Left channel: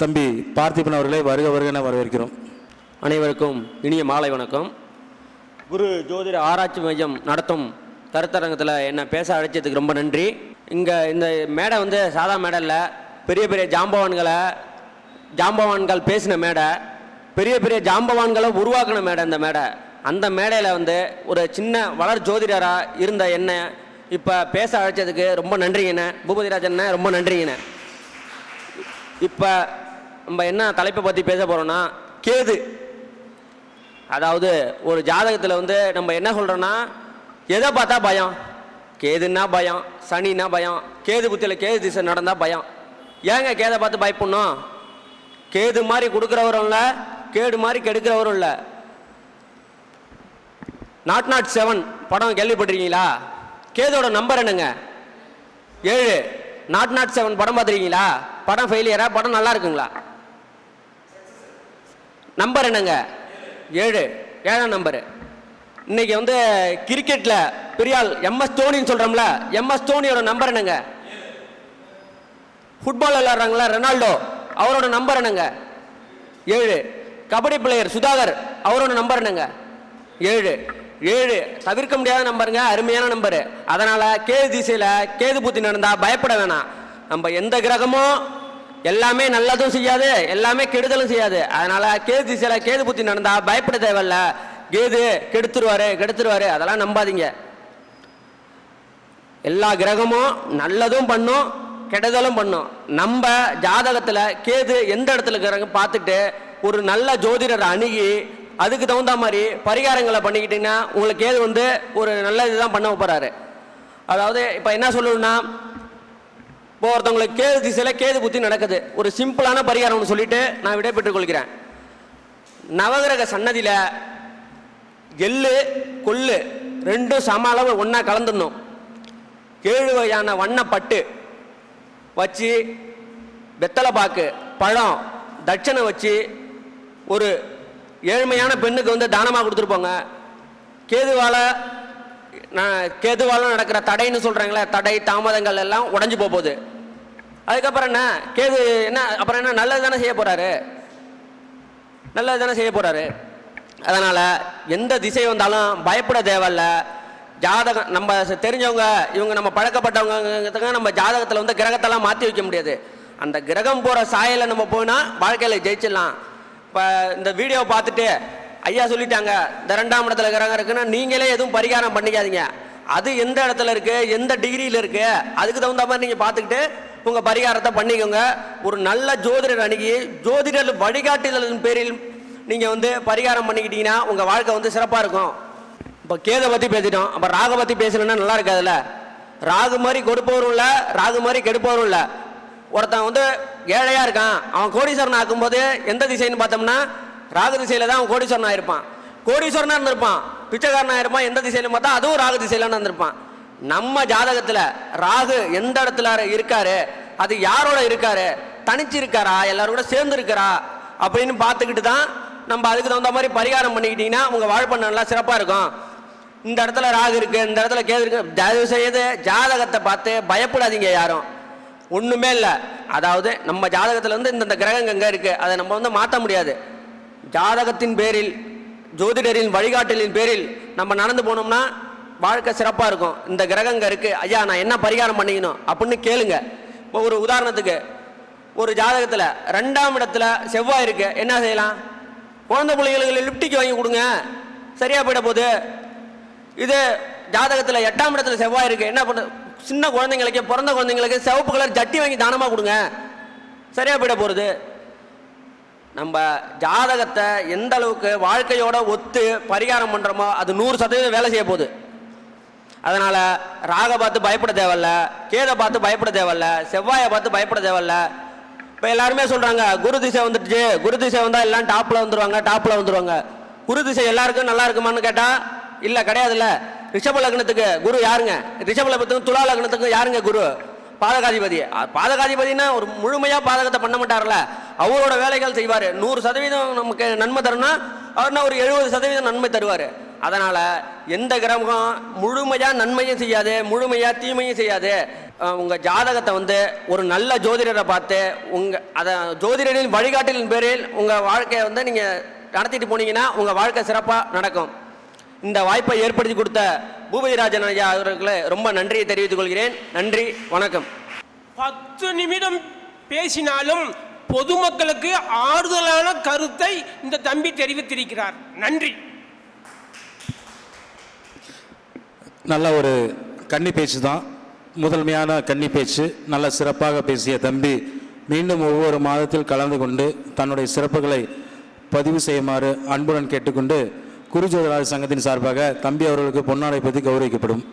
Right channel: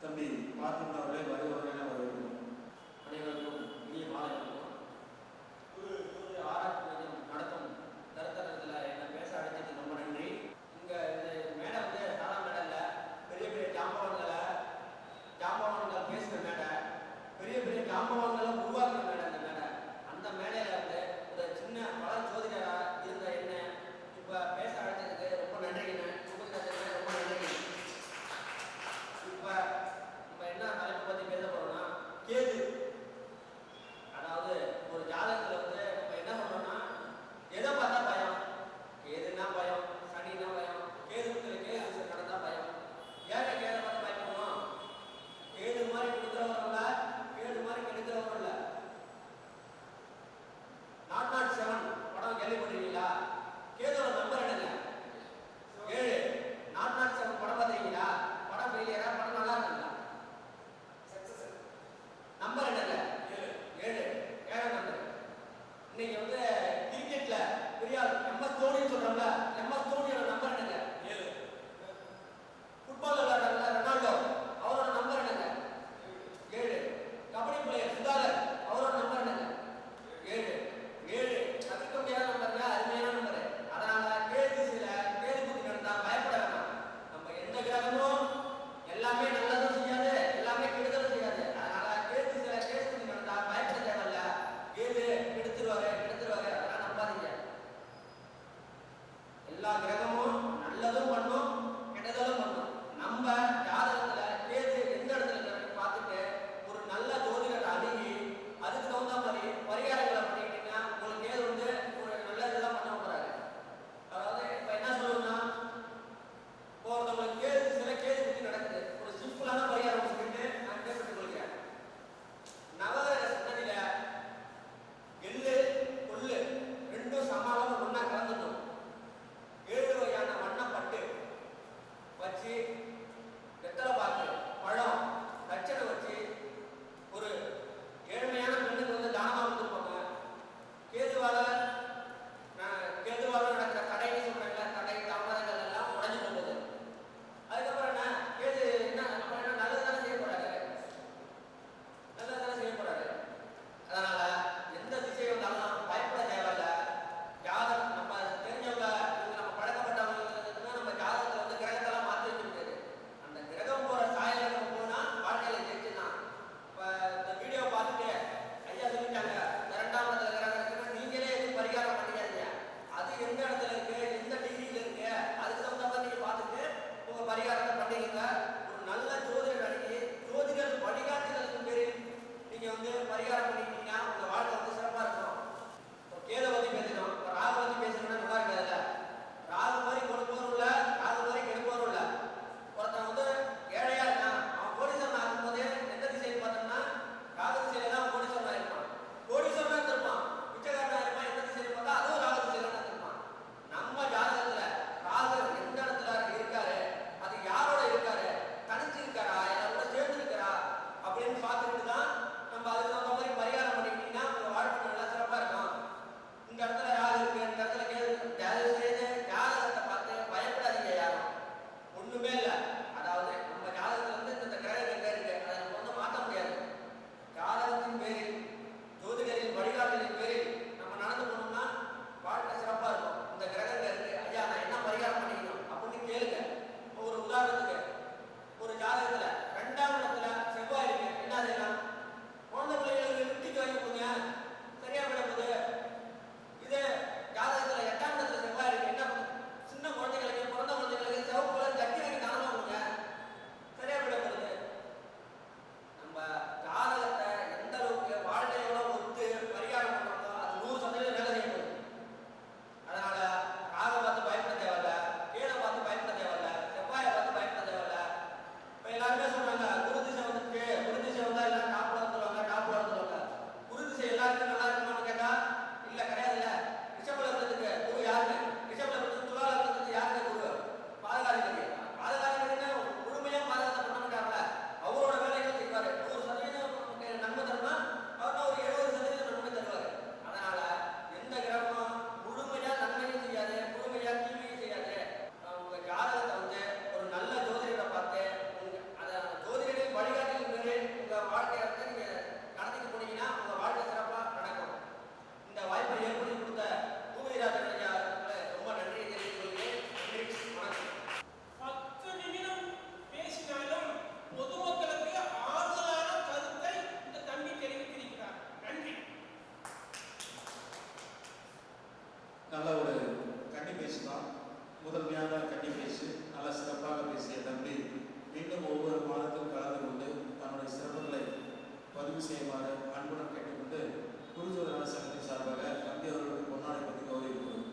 தம்பி பார்த்திபன் அவர்களை வருக வருகன வரவேற்கிறோம். அனைவருக்கும் இனிய மாலை வணக்கம். குரு ஜோதிட ஆராய்ச்சி மையம் நடத்தும் கருத்தரங்கத்தில் என்னை பேச அழைச்சதுக்கு ரொம்ப நன்றி. இங்கே இந்த மேடை வந்து சாதா மேடை இல்லை பெரிய பெரிய ஜாம்பவான்களை ஜாம்பவான்கள் பேசின மேடை பெரிய பெரிய ஜாம்பவான்களை உருவாக்கின மேடை இந்த மேடை. அந்த மேடையில் வந்து ஒரு சின்ன வளர் ஜோதிடராக இருந்த என்ன இப்போ பேச அழைச்சதுக்கு ரொம்ப நன்றிங்கண்ணே பூபதிராஜண்ணே ரொம்ப நன்றிங்கண்ணே இப்போ நம்ம என்ன தலைப்பை பற்றி பேச போகிறோம்னா கேது. அதாவது ஒரு ஜாதகத்தில் வந்து நம்ம என்ன சொல்கிறோன்னா எதை பார்த்தா பயம்? கேதுன்னா பயம் சனின்னா பயம் கேது புத்தியில் கேது திசை நடந்தால் பயம். ஏங்க கேதை பார்த்து பயப்படணும்? கேது மாதிரி கொடுக்குறவரும் இல்லை கேடு மாதிரி கெடுக்கிறவரும் இல்லை. நாட் நாட் செவன் படம் கேள்விப்பட்டிருக்கீங்களா? கேதோட நம்பர் என்னங்க? ஏழு. நாட் நாட் செவன் படம் பார்த்துருக்கீங்களா? படம் ஃபெயிலியரா படம் நல்லா இருக்குங்களா? நம்பர் என்னங்க? ஏழு. ஏழாம் நம்பரு இன்னைக்கு வந்து கிரிக்கெட்டில் பெரியாள் எம்எஸ் தோனின்னு சொல்கிறோம்ல எம்எஸ் தோனியோட நம்பர் என்னங்க? ஃபுட்பால் விளையாடுறாங்களா ரெனால்டோ? அவரோட நம்பர் என்னங்க? ஏழு. கபடி பிளேயர் சுதாகர் அவரோட நம்பர் என்னங்க? ஏழு. ஏழு. தவிர்க்க முடியாத நம்பருங்க அருமையான நம்பரு அதனால் கேது திசையில் கேது பூத்தி நடந்தால் பயப்பட வேணாம். நம்ம எந்த கிரகமும் எல்லாமே நல்லதும் செய்யாது எல்லாமே கெடுதலும் செய்யாது. அதனால கேது திசையில கேது புத்தி நடந்தா பயப்பட தேவையில்ல. கேது கெடுத்துருவாரு கெடுத்துருவாரு. அதெல்லாம் நம்பாதீங்க. எல்லா கிரகமும் நல்லதும் பண்ணும் கெடுதலும் பண்ணும். நம்ம ஜாதகத்துல கேது எந்த இடத்துல இருக்கிறாங்க பார்த்துட்டு ஒரு நல்ல ஜோதிடரை அணுகி அதுக்கு தகுந்த மாதிரி பரிகாரங்களை பண்ணிக்கிட்டீங்கன்னா உங்களுக்கு கேது வந்து ஒரு நல்ல இதுதான் பண்ண போறாரு. அதாவது இப்போ என்ன சொல்லணும்னா இப்போ ஒருத்தவங்களுக்கு கேது திசையில் கேது புத்தி நடக்குது. ஒரு சிம்பிளான பரிகாரம் சொல்லிட்டு நான் விடைபெற்றுக் கொள்கிறேன் நவகிரக சன்னதியில் எள்ளு கொள்ளு ரெண்டும் சம அளவு ஒன்றா கலந்துடணும். ஏழு வகையான வண்ணப்பட்டு வச்சு வெத்தலை பாக்கு பழம் தட்சணை வச்சு ஒரு ஏழ்மையான பெண்ணுக்கு வந்து தானமாக கொடுத்துருப்போங்க. கேதுவால நான் கேதுவால நடக்கிற தடைன்னு சொல்கிறாங்களே தடை தாமதங்கள் எல்லாம் உடஞ்சி போகுது. அதுக்கப்புறம் என்ன? கேது என்ன? அப்புறம் என்ன? நல்லது தானே செய்ய போகிறாரு நல்லது தானே செய்ய போகிறாரு அதனால் எந்த திசை வந்தாலும் பயப்பட தேவையில்ல. ஜாதகம் நம்ம தெரிஞ்சவங்க இவங்க நம்ம பழக்கப்பட்டவங்க நம்ம ஜாதகத்தில் வந்து கிரகத்தெல்லாம் மாற்றி வைக்க முடியாது. அந்த கிரகம் போகிற சாயலை நம்ம போனால் வாழ்க்கையில் ஜெயிச்சிடலாம். இப்போ இந்த வீடியோ பார்த்துட்டு ஐயா சொல்லிட்டாங்க இந்த ரெண்டாம் இடத்துல கிரகம் இருக்குன்னா நீங்களே எதுவும் பரிகாரம் பண்ணிக்காதீங்க. அது எந்த இடத்துல இருக்குது எந்த டிகிரியில் இருக்குது அதுக்கு தகுந்த மாதிரி நீங்கள் பார்த்துக்கிட்டு உங்க பரிகாரத்தை பண்ணிக்கோங்க. ஒரு நல்ல ஜோதிடர் அணுகி ஜோதிடர் வழிகாட்டுதலின் பேரில் நீங்க வந்து பரிகாரம் பண்ணிக்கிட்டீங்கன்னா உங்க வாழ்க்கை வந்து சிறப்பா இருக்கும். இப்போ கேதை பத்தி பேசிட்டோம். அப்ப ராக பத்தி பேசணும்னா நல்லா இருக்காதுல்ல? ராகு மாதிரி கொடுப்பவரும் இல்ல ராகு மாதிரி கெடுப்பவரும் இல்ல. ஒருத்தன் வந்து ஏழையா இருக்கான். அவன் கோடீஸ்வரன் ஆக்கும்போது எந்த திசைன்னு பார்த்தோம்னா ராகு திசையில தான் அவன் கோடீஸ்வரன் ஆயிருப்பான் கோடீஸ்வரனா இருந்திருப்பான். பிச்சைக்காரனா இருப்பான். எந்த திசையில பார்த்தா அதுவும் ராகு திசையில இருந்திருப்பான். நம்ம ஜாதகத்தில் ராகு எந்த இடத்துல இருக்காரு? அது யாரோட இருக்காரு? தனிச்சு இருக்காரா எல்லாரும் கூட சேர்ந்து இருக்கிறா அப்படின்னு பார்த்துக்கிட்டு தான் நம்ம அதுக்கு தகுந்த மாதிரி பரிகாரம் பண்ணிக்கிட்டீங்கன்னா உங்கள் வாழ்க்கை நல்லா சிறப்பாக இருக்கும். இந்த இடத்துல ராகு இருக்கு இந்த இடத்துல கேது இருக்கு. தயவு செய்து ஜாதகத்தை பார்த்து பயப்படாதீங்க யாரும். ஒன்றுமே இல்லை. அதாவது நம்ம ஜாதகத்தில் வந்து இந்தந்த கிரகங்க எங்க இருக்கு? அதை நம்ம வந்து மாற்ற முடியாது. ஜாதகத்தின் பேரில் ஜோதிடரின் வழிகாட்டலின் பேரில் நம்ம நடந்து போனோம்னா வாழ்க்கை சிறப்பாக இருக்கும். இந்த கிரகங்க இருக்குது ஐயா நான் என்ன பரிகாரம் பண்ணிக்கணும்? அப்படின்னு கேளுங்க. இப்போ ஒரு உதாரணத்துக்கு ஒரு ஜாதகத்தில் ரெண்டாம் இடத்துல செவ்வாய் இருக்கு. என்ன செய்யலாம்? குழந்தை பிள்ளைகளுக்கு லிப்டிக்கு வாங்கி கொடுங்க. சரியாக போயிட போகுது. இது ஜாதகத்தில் எட்டாம் இடத்துல செவ்வாய் இருக்கு. என்ன பண்ண சின்ன குழந்தைங்களுக்கு பிறந்த குழந்தைங்களுக்கு சிவப்பு கலர் ஜட்டி வாங்கி தானமாக கொடுங்க. சரியாக போயிட போகிறது நம்ம ஜாதகத்தை எந்த அளவுக்கு வாழ்க்கையோட ஒத்து பரிகாரம் பண்ணுறோமோ அது நூறு சதவீதம் வேலை செய்ய போகுது. அதனால ராக பார்த்து பயப்பட தேவையில்ல கேதை பார்த்து பயப்பட தேவையில்ல செவ்வாயை பார்த்து பயப்பட தேவையில்ல. இப்போ எல்லாருமே சொல்றாங்க குரு திசை வந்துடுச்சு குரு திசை வந்தால் எல்லாம் டாப்பில் வந்துருவாங்க டாப்பில் வந்துருவாங்க. குரு திசை எல்லாருக்கும் நல்லா இருக்குமான்னு கேட்டால் இல்லை கிடையாதுல்ல. ரிஷப லக்னத்துக்கு குரு யாருங்க? ரிஷப லக்னத்துக்கு துலா லக்னத்துக்கு யாருங்க குரு? பாதகாதிபதி. பாதகாதிபதினா ஒரு முழுமையாக பாதகத்தை பண்ண மாட்டார்ல அவரோட வேலைகள் செய்வார். நூறு சதவீதம் நமக்கு நன்மை தரணும்னா அவர்னா ஒரு எழுபது சதவீதம் நன்மை தருவார். அதனால் எந்த கிரகம் முழுமையாக நன்மையும் செய்யாது முழுமையாக தீமையும் செய்யாது உங்கள் ஜாதகத்தை வந்து ஒரு நல்ல ஜோதிடரை பார்த்து உங்கள் அதை ஜோதிடரின் வழிகாட்டலின் பேரில் உங்கள் வாழ்க்கையை வந்து நீங்கள் நடத்திட்டு போனீங்கன்னா உங்கள் வாழ்க்கை சிறப்பாக நடக்கும். இந்த வாய்ப்பை ஏற்படுத்தி கொடுத்த பூபதிராஜன் ஐயா அவர்களுக்கு ரொம்ப நன்றியை தெரிவித்துக் கொள்கிறேன். நன்றி வணக்கம். பத்து நிமிடம் பேசினாலும் பொதுமக்களுக்கு ஆறுதலான கருத்தை இந்த தம்பி தெரிவித்திருக்கிறார். நன்றி. நல்ல ஒரு கன்னி பேச்சு தான். முதன்மையான கன்னி பேச்சு. நல்ல சிறப்பாக பேசிய தம்பி மீண்டும் ஒவ்வொரு மாதத்தில் கலந்து கொண்டு தன்னுடைய சிறப்புகளை பதிவு செய்யுமாறு அன்புடன் கேட்டுக்கொண்டு குருஜோதிராஜ் சங்கத்தின் சார்பாக தம்பி அவர்களுக்கு பொன்னாடை பற்றி கௌரவிக்கப்படும்.